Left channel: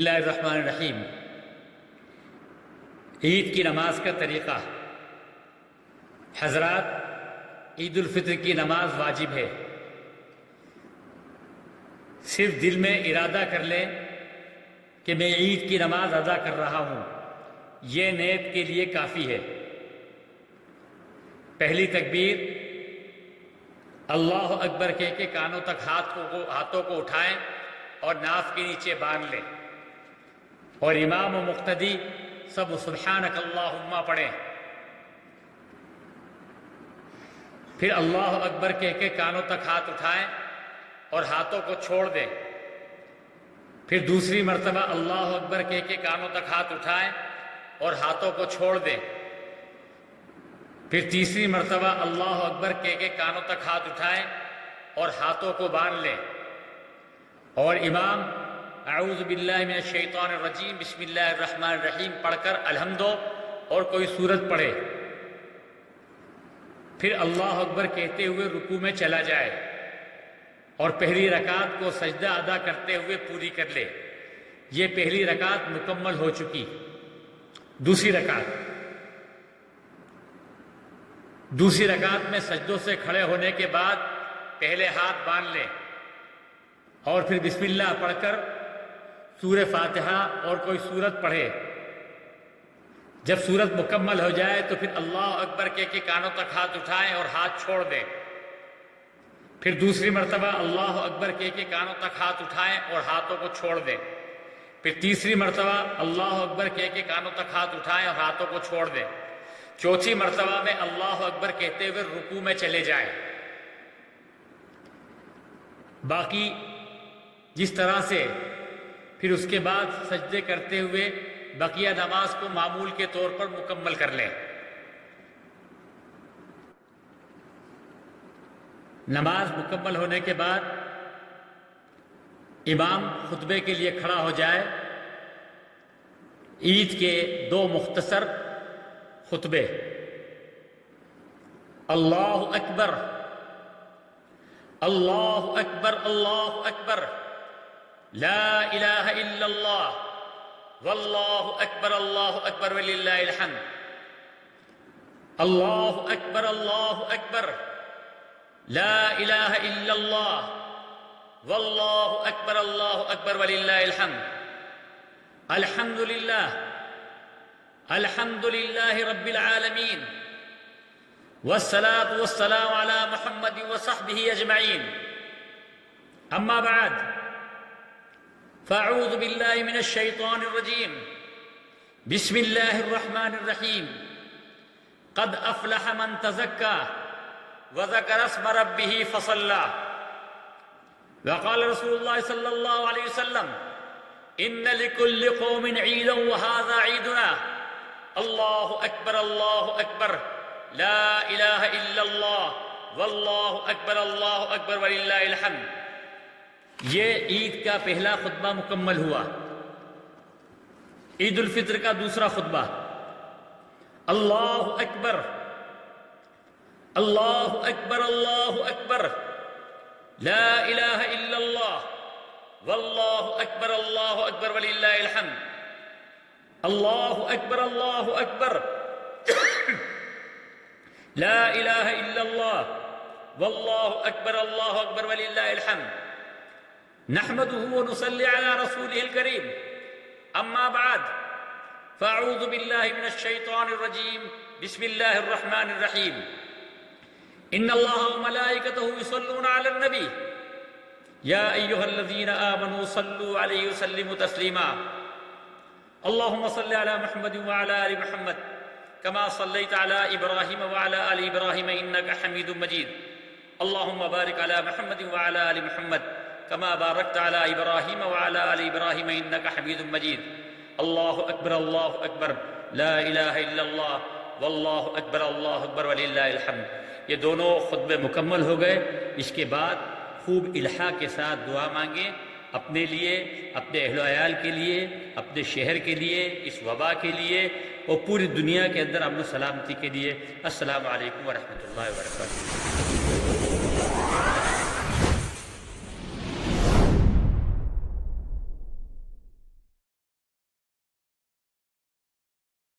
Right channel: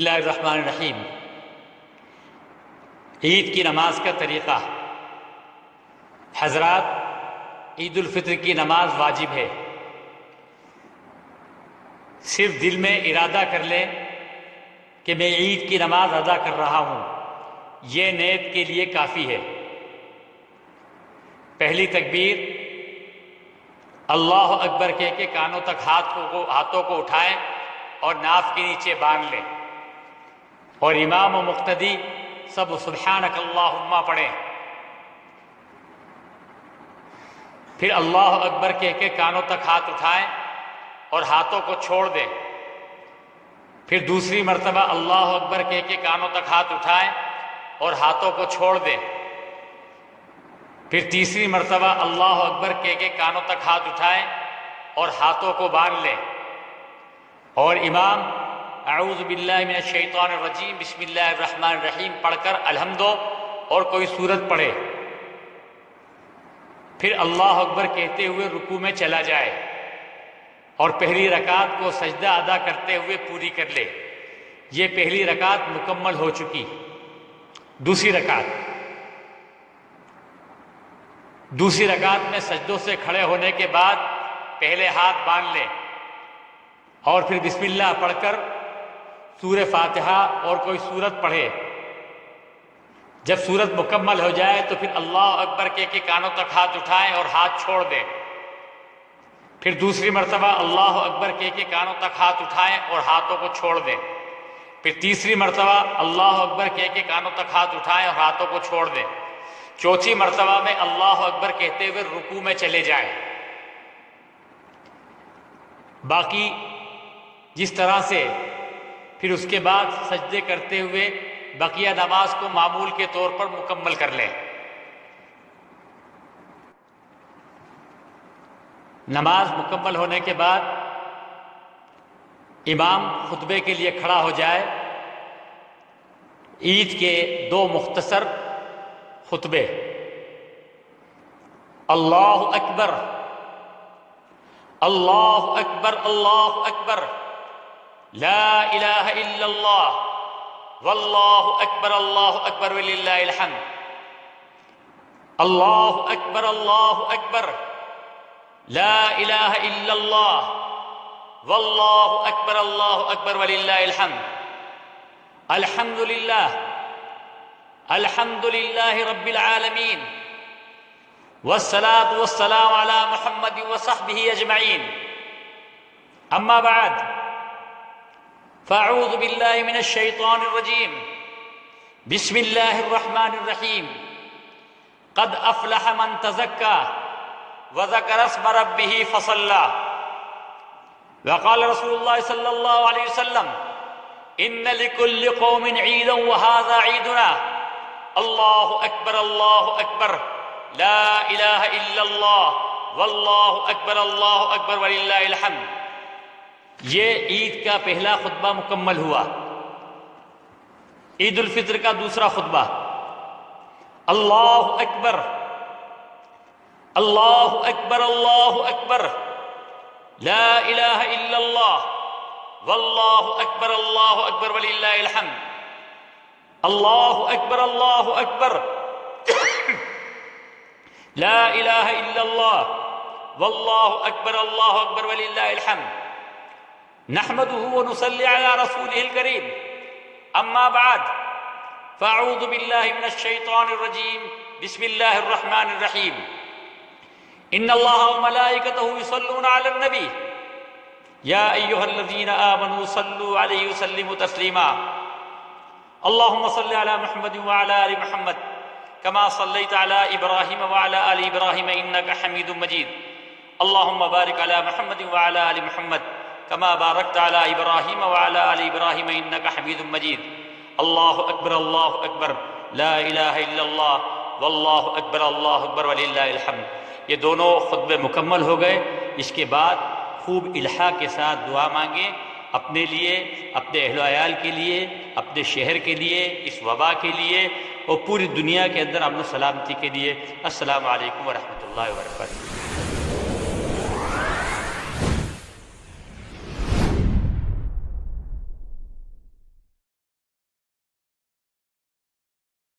اللہ الرحمن الرحیم۔ عید کی نماز کا طریقہ۔ حضرات، عید الفطر کی نماز واجب ہے۔ صرف دل میں ارادہ کر لیں کہ میں عید کی نماز ادا کر رہا ہوں، یہ نیت کے لیے کافی ہے۔ پہلی تکبیر اللہ اکبر کہہ کے کانوں تک ہاتھوں کو اٹھائیں اور ناف کے نیچے باندھ لیں، اور امام و مقتدی سب سبحانک اللہم پڑھیں۔ پھر اللہ اکبر کہہ کے کانوں تک ہاتھ اٹھائیں اور ہاتھوں کو چھوڑ دیں۔ پھر دوسری مرتبہ اللہ اکبر کہہ کے کانوں تک ہاتھ اٹھائیں اور ہاتھوں کو چھوڑ دیں۔ پھر تیسری مرتبہ اللہ اکبر کہہ کے کانوں تک ہاتھ اٹھائیں اور ہاتھوں کو باندھ لیں، اور امام اعوذ باللہ من الشیطان الرجیم بسم اللہ الرحمن الرحیم پڑھ کر الحمد اور کوئی سورت پڑھے۔ پھر اللہ اکبر کہتے ہوئے رکوع میں چلا جائے اور پہلی رکعت کو سجدہ ادا کرتے ہوئے پوری کر لے۔ یہ پہلی رکعت مکمل ہو چکی۔ دوسری رکعت میں سجدوں سے کھڑے ہونے کے بعد پہلے ہاتھ باندھ لیں اور پھر بسم اللہ پڑھ کر سورہ فاتحہ اور کوئی سورت پڑھے۔ جب سورت مکمل ہو جائے تو پھر اللہ اکبر کہہ کے کانوں تک ہاتھ اٹھائیں اور ہاتھ چھوڑ دیں۔ پھر دوسری مرتبہ اللہ اکبر کہہ کے کانوں تک ہاتھ اٹھائیں اور ہاتھوں کو چھوڑ دیں۔ پھر تیسری مرتبہ اللہ اکبر کہہ کے کانوں تک ہاتھ اٹھائیں اور ہاتھوں کو چھوڑ دیں۔ چوتھی مرتبہ میں اللہ اکبر کہتے ہوئے رکوع میں چلے جائیں۔ باقی جس طرح سے پھر اس کے بعد سجدے کرتے ہوئے بقیہ نماز کو معمول کے طور پر مکمل کر لیں۔ نماز مکمل ہونے کے بعد امام خطبے کے لیے کھڑا ہو جائے۔ عید کے دو مختصر خطبے، اللہ اکبر اللہ اکبر اللہ اکبر لا الہ الا اللہ واللہ اکبر وللہ الحمد، اللہ اکبر لا الہ الا اللہ واللہ اکبر وللہ الحمد، الحمد للہ رب العالمین والصلاة والسلام علی محمد وصحبہ اجمعین، اما بعد فاعوذ باللہ من الشیطان الرجیم بسم اللہ الرحمن الرحیم، قد افلح من تزکا وذکر اسم ربہ فصلی، وقال رسول اللہ صلی اللہ علیہ وسلم ان لکل قوم عیدا وہذا عیدنا، اللہ اکبر لا الہ الا اللہ واللہ اکبر وللہ الحمد۔ یہ عید کا پہلا خطبہ مکمل ہوا۔ عید الفطر کا دوسرا خطبہ، اللہ اکبر لا الہ الا اللہ واللہ اکبر وللہ الحمد، اللہ اکبر لا الہ الا اللہ واللہ اکبر وللہ الحمد، نحمده ونصلي على رسوله الكريم، اما بعد فاعوذ باللہ من الشیطان الرجیم بسم اللہ الرحمن الرحیم، ان اللہ وملائکتہ یصلون علی النبی یا ایہا الذین آمنوا صلوا علیہ وسلموا تسلیما، اللہم صل علی محمد وعلی آل محمد کما صلیت علی ابراہیم وعلی آل ابراہیم انک حمید مجید، اللہم بارک علی محمد وعلی آل محمد کما بارکت علی ابراہیم وعلی آل ابراہیم انک حمید مجید، اللہ اکبر لا الہ الا اللہ واللہ اکبر وللہ الحمد۔ یہ دونوں خطبے مکمل ہو گئے۔ اس کے بعد خوب الحاح کے ساتھ دعا مانگیں، اپنے لیے، اپنے اہل و عیال کے لیے، اپنے شہر کے لیے، اس وبا کے لیے اور پوری دنیا کے اندر امن و سلامتی کے لیے۔ السلام علیکم ورحمۃ اللہ وبرکاتہ۔